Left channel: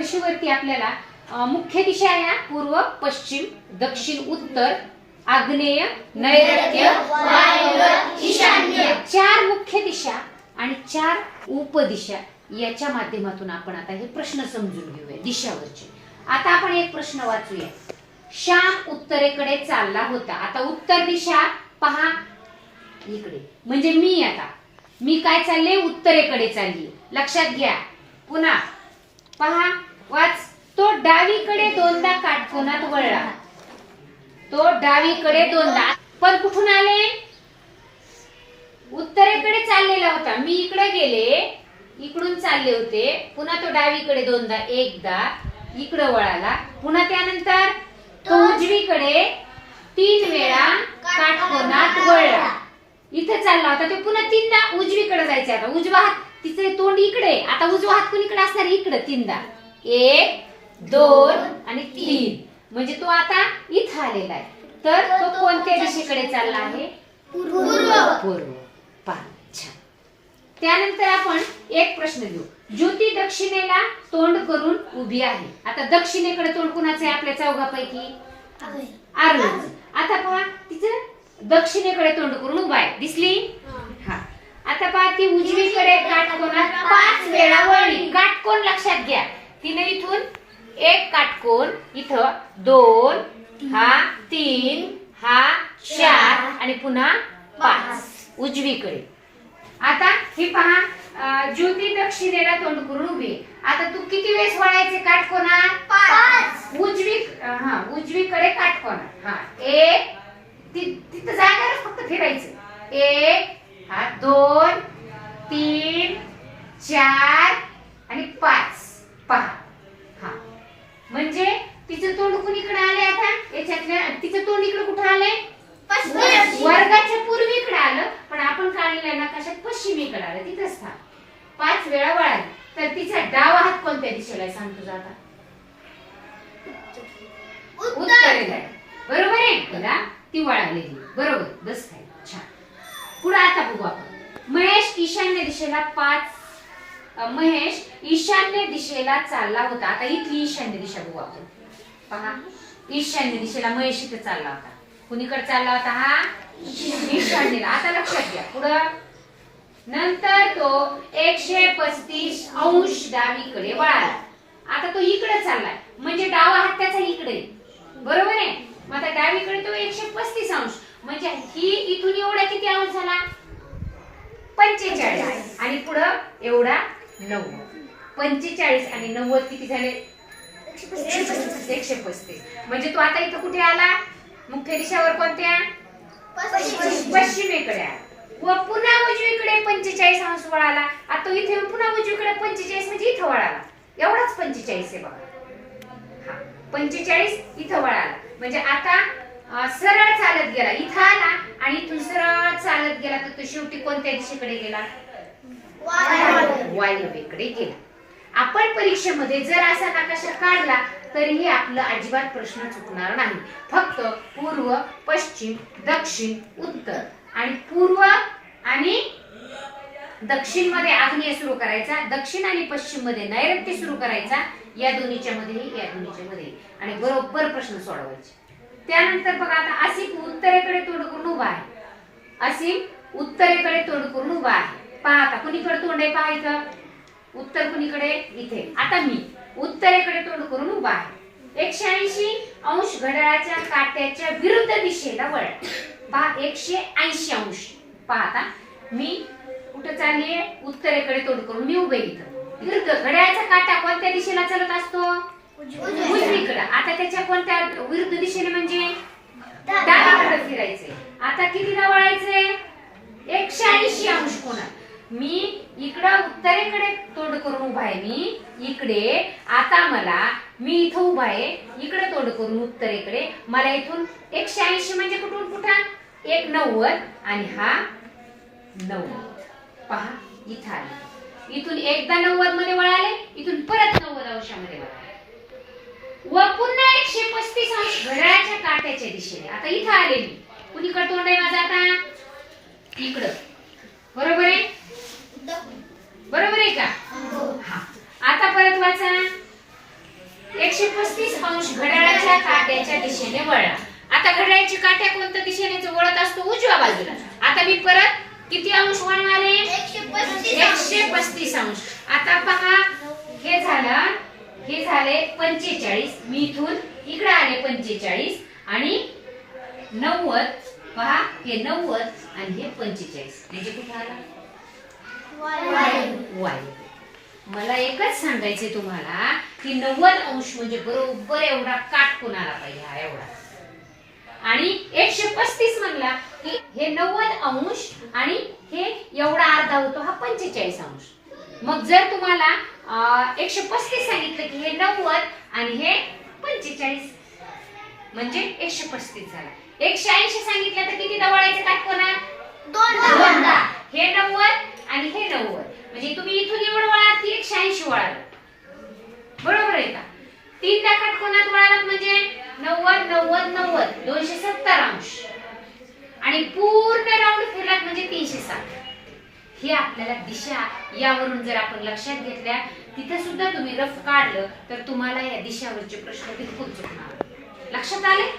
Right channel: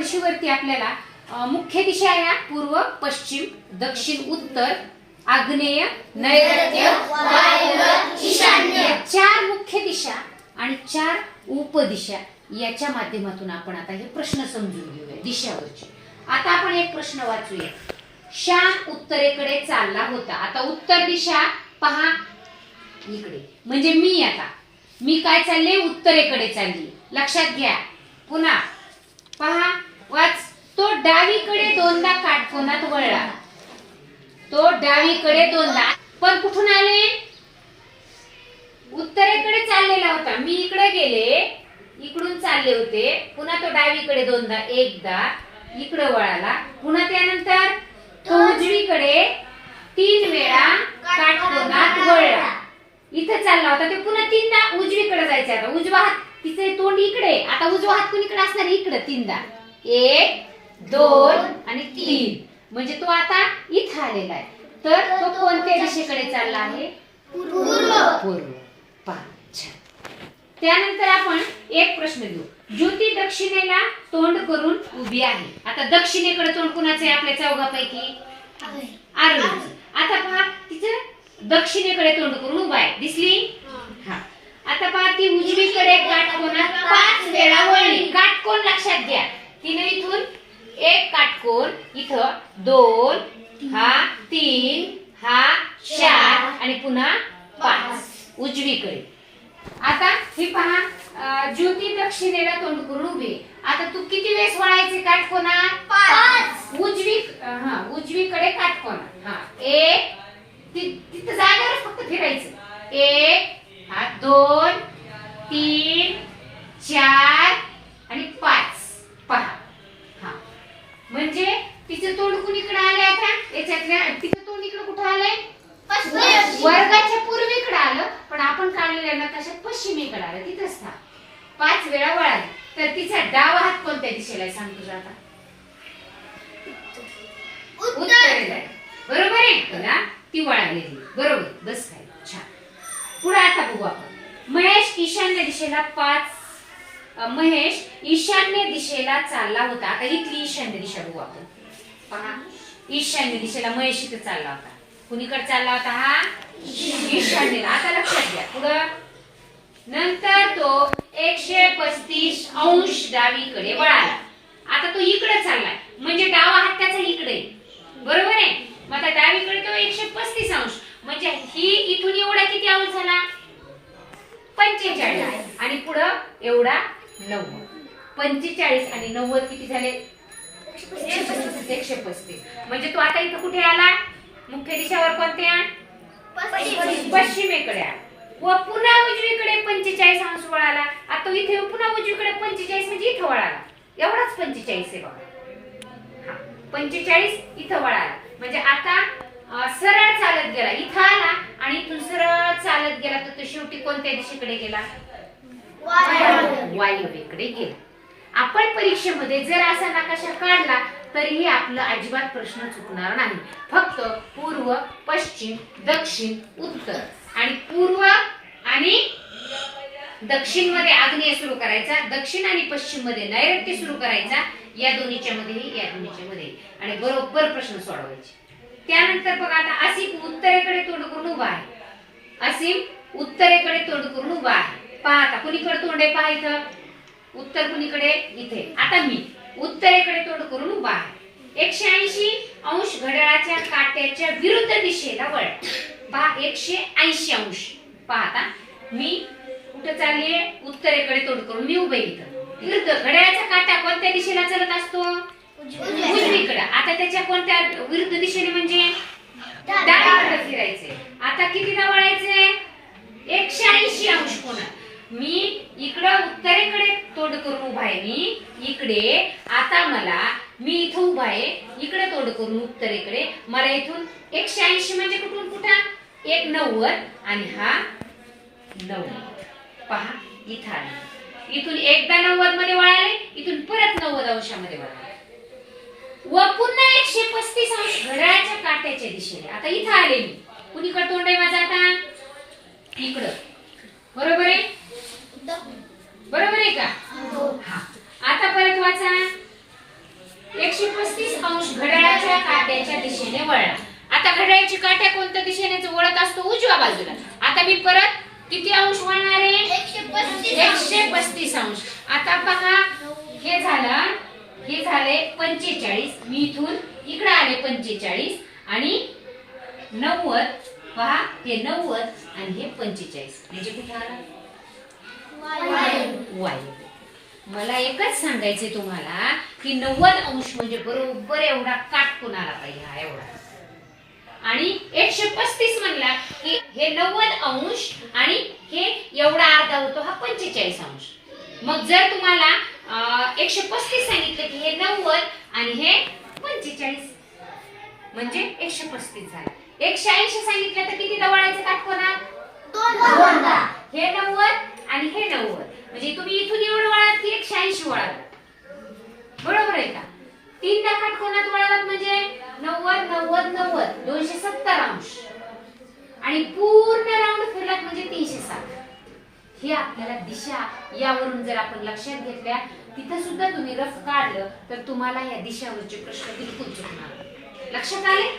फरशीवरती आपल्याला मुख्य दिशा या पूर्व, पश्चिम, दक्षिण, उत्तर, आग्नेय, नैऋत्य, वायव्य, ईशान्य 4 मुख्य दिशा आणि 4 उपदिशा याच्या माध्यमातून आपण आता हे प्रश्न समजून घेऊया दिशावरचे. आता आपण एक प्रश्न वाचूया. श्याम उत्तरेकडे चालला होता. आता उत्तर दिशा पहा इकडे, म्हणजे मी काय चालले, उत्तरेकडे चालली. लक्षात घ्या. पुन्हा पहा, वाच. तो डावीकडे दोनदा काटकोनात वळला. तो डावीकडे दोनदा, पण कुठून आले, उत्तरेकडे चाललेला होता. मी इकडे गेले, इकडून चालले होते. पुन्हा तो डावीकडे दोनदा, एकदा इकडे वळाला. पुन्हा त्यानंतर तो उजवीकडे 3 वेळा काटकोनात वळला. इथे चालला होता तो, पुन्हा 3दा उजवीकडे जायचा. आता उजवा हात, तिचे तोंड इकडे, आता उजवा हात कुणीकडे असणार, इकडे 3दा, 1 2 आणि 3, म्हणजे तो आता इथं आलेला आहे. तर तो कोणत्या दिशेकडे चालला आहे, पूर्व. पहा, छान. त्यानंतर आपण एक प्रश्न घेऊ. ज्योती दक्षिणेला तोंड करून उभी आहे. आता दक्षिणेकडे तोंड कुणाचे आहे आपल्या चौघापैकी, आरोहीचं. आता पहा, तिचं दक्षिणेकडे तोंड करून उभा आहे, दिसली. हा, आता पहा, ती उजवीकडे काटकोनात 5 वेळा वळली. काटकोन लक्षात घ्या. तिने इथून एक काटकोन, इथं 2, हा 3, हा 4 आणि पुन्हा 5 उजवीकडे. आता हे पहा, ज्योती दक्षिणेला तोंड करून उभी. आता तू किती वेळेस वळायचे काटकोना, 5. उजवीकडे काटकोना. हा, 1, तिथं जागेवर फक्त फिरायचं. 1, हा 2, 3, 4 आणि 5. पहा, हा, म्हणजे तिचं तोंड कुणीकडे आलंय. आता याच्यातल्या तिचं तोंड इकडे कुठं आलंय, वर्गाच्या पूर्वीकडे आलं, पण आपण काढलेल्या नकाशात पश्चिमेकडे आलं. तिथंच था 5 वेळा वळाली. तर तिचा डावा हात कोणत्या दिशेला आहे, सांग तुझा आता, उत्तरेला आहे. बरोबर आहे तुला, ती वळालेली. बरोबर, बस काय, छान. पुढे आता बघू आपण. महेश ईशान्य दिशेला चालला होता. आता इथली ईशान्य दिशा बघू आपण. पहा, ईशान्य दिशेला महेश इथे चालला होता. कुणीकडे चालला होता, हा ईशान्येला. आता लक्षात घ्या. पुढं नंतर तो 135 अंश डावीकडे वळाला. आता तो इकडे चाललाय, म्हणजे डावा हात त्याचा इकडे, बरोबर आहे. मग आता डावीकडे तो 135 अंश, म्हणजे ही इथून एवढा किती अंश झाला, 45. आणि पुढं एवढा 90. 45 आणि 90 किती झाले, 135. म्हणजे तो आता इथं कुठे आला, मुख्य दिशावर कोणत्या, पश्चिमेकडे आला. व पुन्हा उजवीकडे 45 अंश वळाला. आता इथे पुन्हा उजवीकडे 45 म्हणजे इथं वळाला. एवढाच 45 आहे बघा. हा, 45 इथं वळाला. म्हणजे आता सरळ चालत गेला, इथं आला आणि इथून सरळ चालत गेला. तर तो शेवटी कोणत्या दिशेकडे गेला, वायव्येकडे गेला. आपण परीक्षेमध्ये जर असा नकाशा काढला तरीही आपलं अजिबात प्रश्न चुकणार नाही. फक्त पूर्व, पश्चिम, दक्षिण, उत्तर आणि पूर्व आणि दक्षिण मध्ये आग्नेय सुरू करायचा, दक्षिण आणि पश्चिम मध्ये नैऋत्य सुरू करायचा. या दोन्हीच्या मध्ये आणि बरोबर प्रश्न सोडवायचे. त्यानंतर बघा, आता असीम उत्तरेकडे तोंड करून उभा आहे. असीम उत्तरेकडे तोंड करून उभा आहे. पहा, आता कुणीकडे तोंड आहे, पहा इथं उत्तर, कुणीकडे, इथे. आता मी उत्तरेकडे तोंड करून उभा आहे. 180 अंश घड्याळाच्या काट्याच्या विरुद्ध दिशेला वळ. पहा, 180 अंश. पहा, आता मी कुठे चाललीये, उत्तरेकडे तोंड करून मी उभे इथं. विरुद्ध घड्याळाचा काटा कोणत्या दिशेला चालत असतो, उजवीकडे. आता त्याच्या कोणत्या विरुद्ध दिशेने, म्हणजे डावीकडे फिरायचे. आता कितीला वळायचे, 180 अंश कोणा. मी इकडे उत्तरेकडे तोंड करून उभा आहे, मी इकडे. आता मी इथं उभा आहे, इकडे तोंड करून उत्तरेकडे. मला इथून 180 म्हणजे कुठून कुठं, 190 आणि हा 90. पहा, इथं आले. इथून एकदा 90 मध्ये वळाले, इथून परत 90 अंशामध्ये वळाले. व पुन्हा 135 अंश घड्याळाच्या काट्याच्या दिशेने. आता इथं आले मी. कुणीकडे तोंड आहे माझं आता, इकडं. बरोबर आहे, बरोबर आहे का. हा, आता परत वाचा. अंश घड्याळाच्या काट्याच्या दिशेने वळला. आता घड्याळाची काट्या कोणत्या दिशेने वळत असतो? उजव्या बाजूला. आता मी परत किती अंश वळणार आहे? 135 अंश. आता पहा, हे झाले 45. मी इथून इकडे आले 45 आणि 90. पहा, हे 90 आणि हे 45 म्हणजे कुठे आला? वायू. मला एकच सांगायचंय तुम्हाला की 90 अंश म्हणजे बरोबर एवढा काटकोन आला पाहिजे, हा एवढा. आणि 135 म्हणला की हे 90 अंश आणि हे एवढा अर्धा होतो, हा 45 अंश. मग जर तुम्हाला 135 सांगितलं की हे 90 आणि हे 45 म्हणजे 135 झाला. 180 सांगितलं तर किती वळायचं काटकोनात? दोनदा. हे 90 आणि हे 90 म्हणजे तुम्ही इथून एवढं वळात की 180 वळाल. बरोबर आहे का? 3दा काटकोनात वळालात म्हणजे 90 90 90 270 अंश आणि पूर्ण राऊंड फिरलात म्हणजे 360. ही आपल्याला दिशा यावरून जर आपण लक्षात घेतल्या, तिथे सुद्धा तुम्ही रफ काढलं तर तुम्हाला या दिशावरचे प्रश्न बिलकुल चुकणार. लक्षात आले?